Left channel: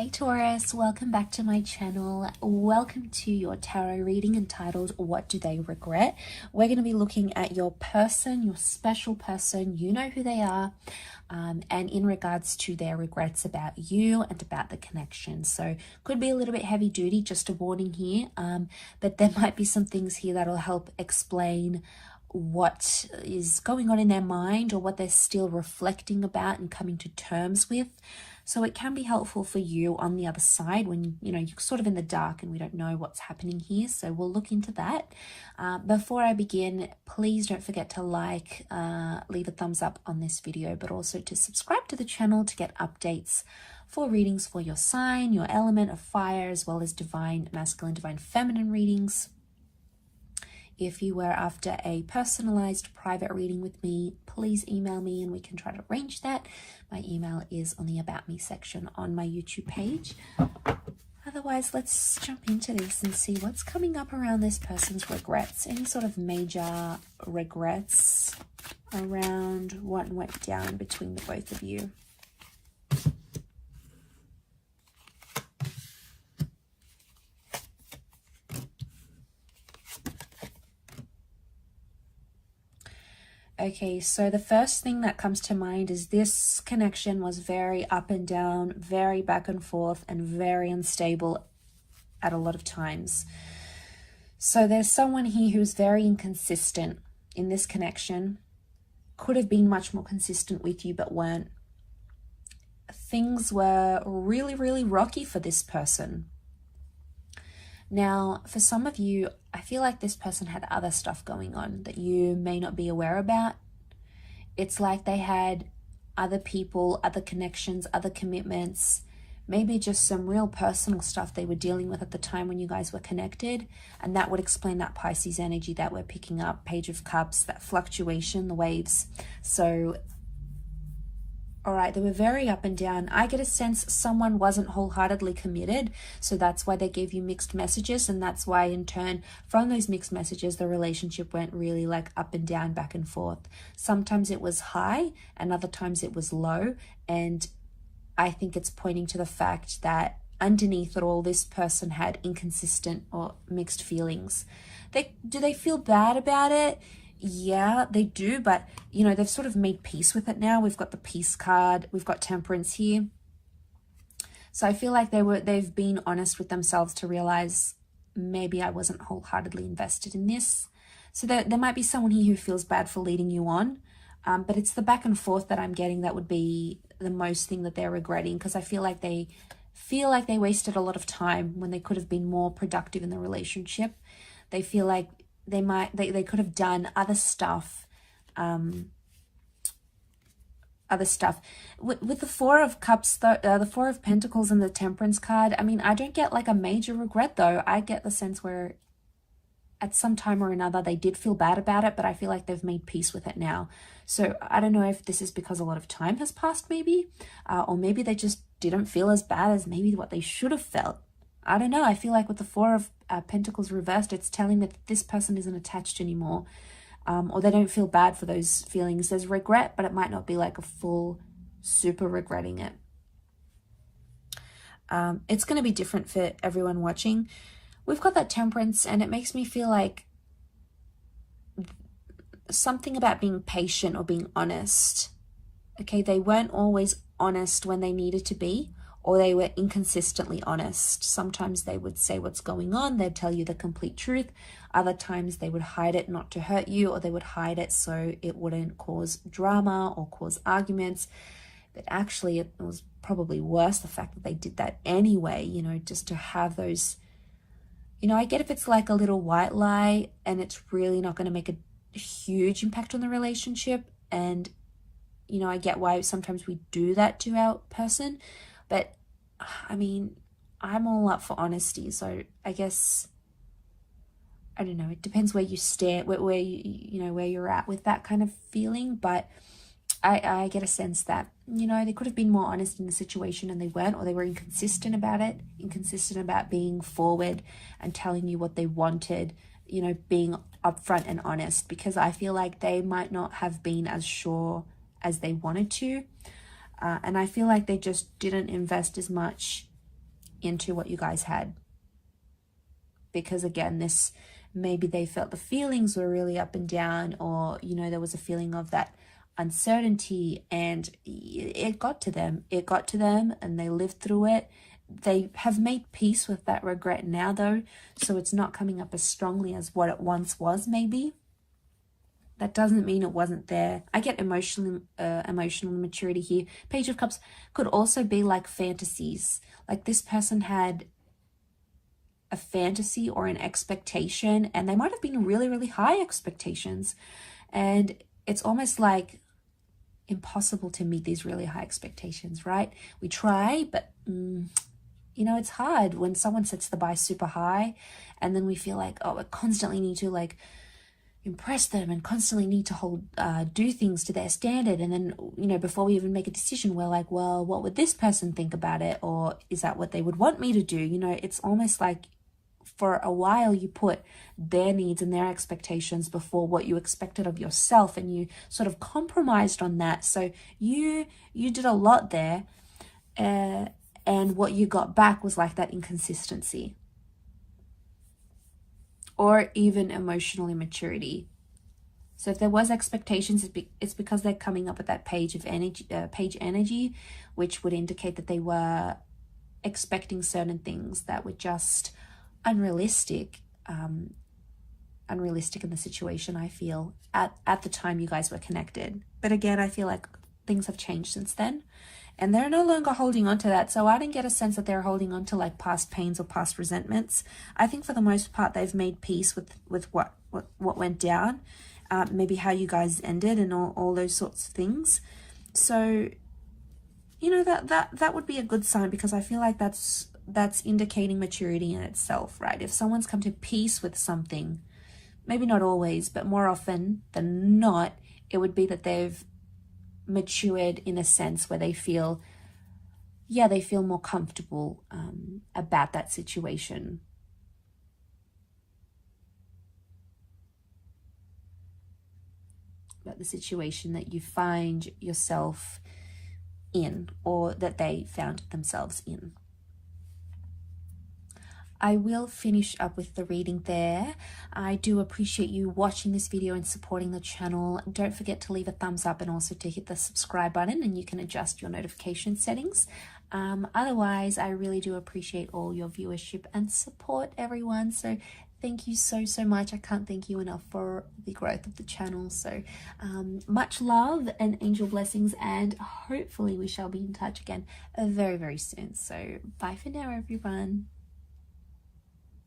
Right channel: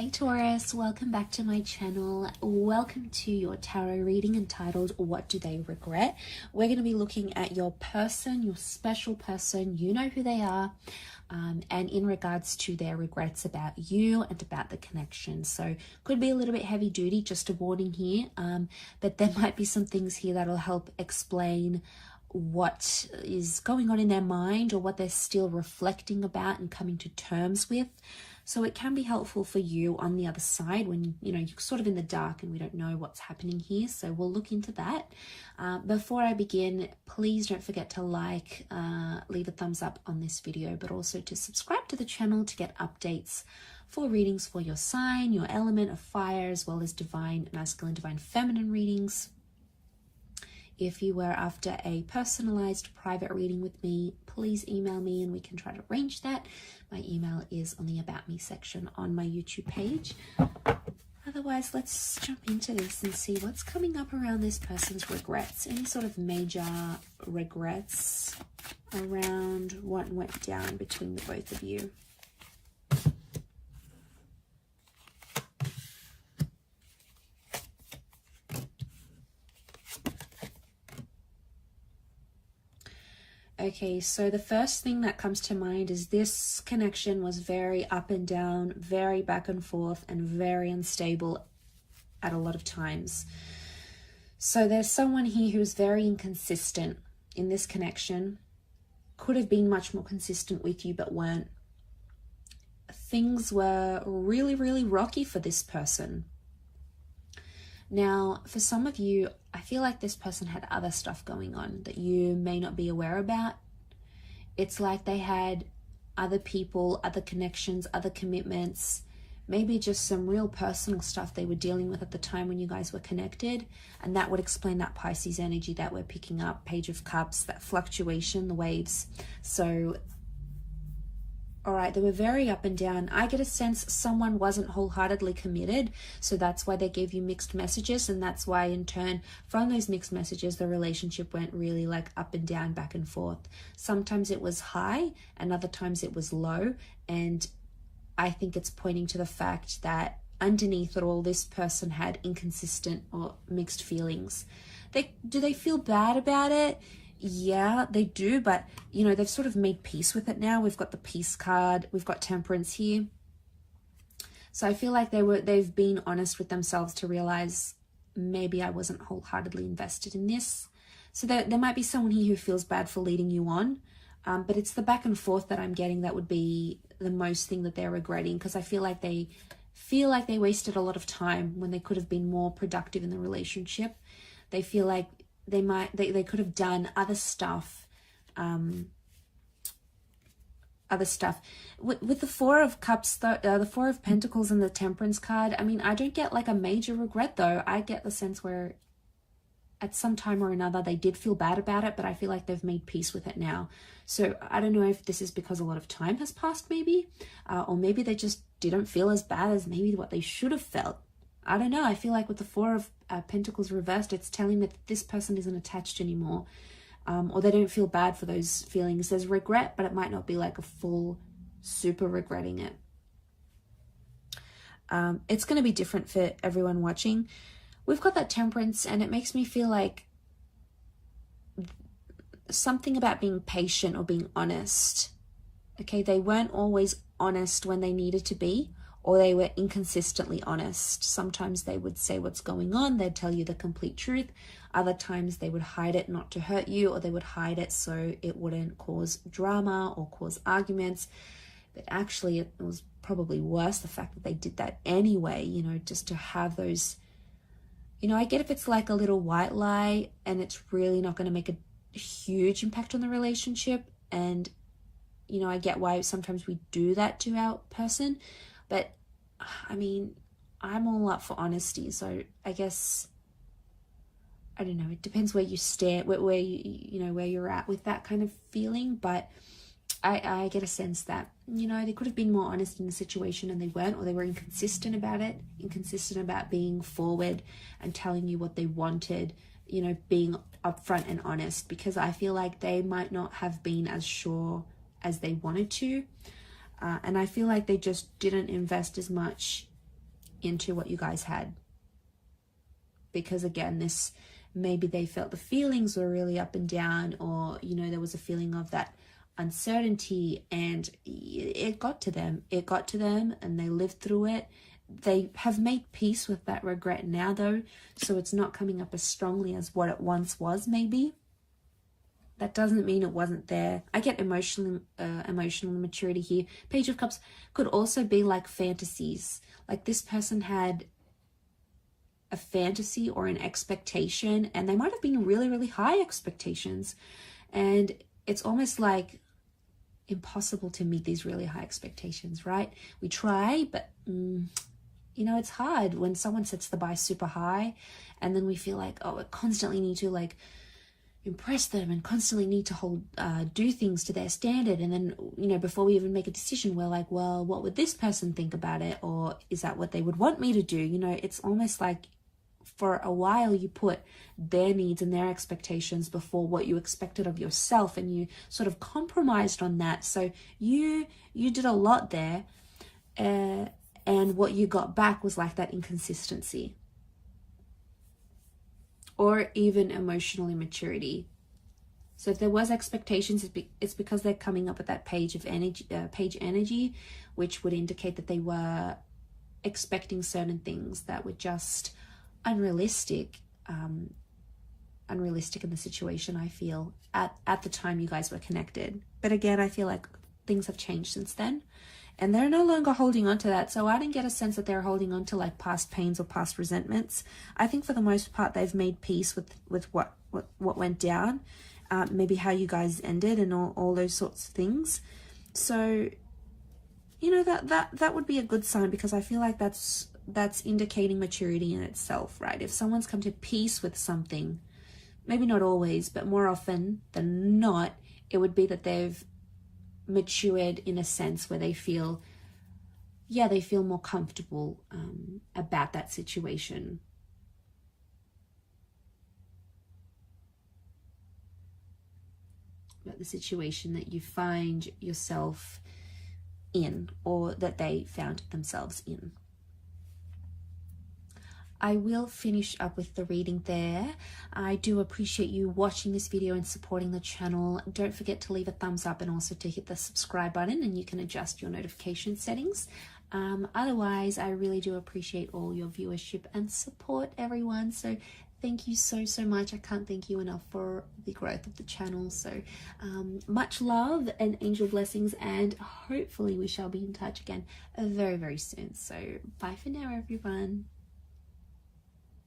Hey Taurus, welcome back to my channel. Welcome to your tarot reading entitled What Do They Regret? We're going to be looking at your person, your special person. You know who they are, and in regards to their regrets about you and about the connection. So could be a little bit heavy duty, just a warning here, but there might be some things here that'll help explain what is going on in their mind or what they're still reflecting about and coming to terms with. So it can be helpful for you on the other side when, you're sort of in the dark and we don't know what's happening here. So we'll look into that. Before I begin, please don't forget to like, leave a thumbs up on this video, but also to subscribe to the channel to get updates for readings for your sign, your element of fire, as well as divine masculine, divine feminine readings. If you were after a personalized private reading with me, please email me and we can try to arrange that. My email is on the About Me section on my YouTube page. Otherwise, let's jump into this and see what's coming up around this person's regrets. Any sort of major regrets around what went down between the both of you. Okay, so the first thing that comes to mind is this connection was very up and down, very back and forth, and very unstable at a lot of times. So there's someone here who's very inconsistent in this connection. Could have been much more consistent with you, but weren't. Things were really, really rocky for this person. Now, for some of you, I feel like this person had other stuff going on that you may not be aware about. It's like they had other people, other connections, other commitments, maybe just some real personal stuff they were dealing with at the time when you guys were connected. And that would explain that Pisces energy that we're picking up, Page of Cups, that fluctuation, the waves. So, all right, they were very up and down. I get a sense someone wasn't wholeheartedly committed, so that's why they gave you mixed messages, and that's why in turn from those mixed messages the relationship went really like up and down, back and forth. Sometimes it was high and other times it was low, and I think it's pointing to the fact that underneath it all, this person had inconsistent or mixed feelings. Do they feel bad about it? Yeah, they do, but they've sort of made peace with it now. We've got the peace card, we've got temperance here. So I feel like they've been honest with themselves to realize maybe I wasn't wholeheartedly invested in this. So there might be someone here who feels bad for leading you on, but it's the back and forth that I'm getting that would be the most thing that they're regretting, because I feel like they wasted a lot of time when they could have been more productive in the relationship. They feel like they could have done other stuff, with the Four of Cups, the Four of Pentacles and the Temperance card. I mean, I don't get like a major regret though. I get the sense where at some time or another they did feel bad about it, but I feel like they've made peace with it now. So I don't know if this is because a lot of time has passed maybe, or maybe they just didn't feel as bad as maybe what they should have felt. I don't know. I feel like with the Four of Pentacles reversed, it's telling that this person isn't attached anymore, or they don't feel bad for those feelings. There's regret, but it might not be like a full super regretting it. It's going to be different for everyone watching. We've got that Temperance, and it makes me feel like something about being patient or being honest. Okay, they weren't always honest when they needed to be, or they were inconsistently honest. Sometimes they would say what's going on, they'd tell you the complete truth. Other times they would hide it not to hurt you, or they would hide it so it wouldn't cause drama or cause arguments. But actually it was probably worse, the fact that they did that anyway, just to have those, I get if it's like a little white lie and it's really not going to make a huge impact on the relationship. And, I get why sometimes we do that to our person. But I mean, I'm all up for honesty. So I guess, I don't know, it depends where you stand, where you're at with that kind of feeling. But I get a sense that, they could have been more honest in the situation and they weren't, or they were inconsistent about it, inconsistent about being forward and telling you what they wanted, being upfront and honest, because I feel like they might not have been as sure as they wanted to. And I feel like they just didn't invest as much into what you guys had. Because again, this, maybe they felt the feelings were really up and down, or, you know, there was a feeling of that uncertainty, and it got to them. It got to them and they lived through it. They have made peace with that regret now, though, so it's not coming up as strongly as what it once was, maybe. That doesn't mean it wasn't there. I get emotional maturity here. Page of Cups could also be like fantasies. Like this person had a fantasy or an expectation, and they might have been really, really high expectations. And it's almost like impossible to meet these really high expectations, right? We try, but you know, it's hard when someone sets the bar super high, and then we feel like, oh, I constantly need to like impress them and constantly need to do things to their standard. And then, you know, before we even make a decision, we're like, well, what would this person think about it? Or is that what they would want me to do? You know, it's almost like for a while you put their needs and their expectations before what you expected of yourself, and you sort of compromised on that. So you did a lot there, and what you got back was like that inconsistency, or even emotional immaturity. So if there was expectations, it's because they're coming up at that page energy, which would indicate that they were expecting certain things that were just unrealistic in the situation, I feel, at the time you guys were connected. But again, I feel like things have changed since then, and they're no longer holding on to that. So I didn't get a sense that they're holding on to like past pains or past resentments. I think for the most part they've made peace with what went down, maybe how you guys ended, and all those sorts of things. So, you know, that would be a good sign, because I feel like that's indicating maturity in itself, right? If someone's come to peace with something, maybe not always, but more often than not, it would be that they've matured in a sense where they feel, yeah, they feel more comfortable about that situation. About the situation that you find yourself in, or that they found themselves in. I will finish up with the reading there. I do appreciate you watching this video and supporting the channel. Don't forget to leave a thumbs up, and also to hit the subscribe button, and you can adjust your notification settings. Otherwise, I really do appreciate all your viewership and support, everyone. So thank you so much. I can't thank you enough for the growth of the channel. So much love and angel blessings, and hopefully we shall be in touch again very, very soon. So bye for now, everyone.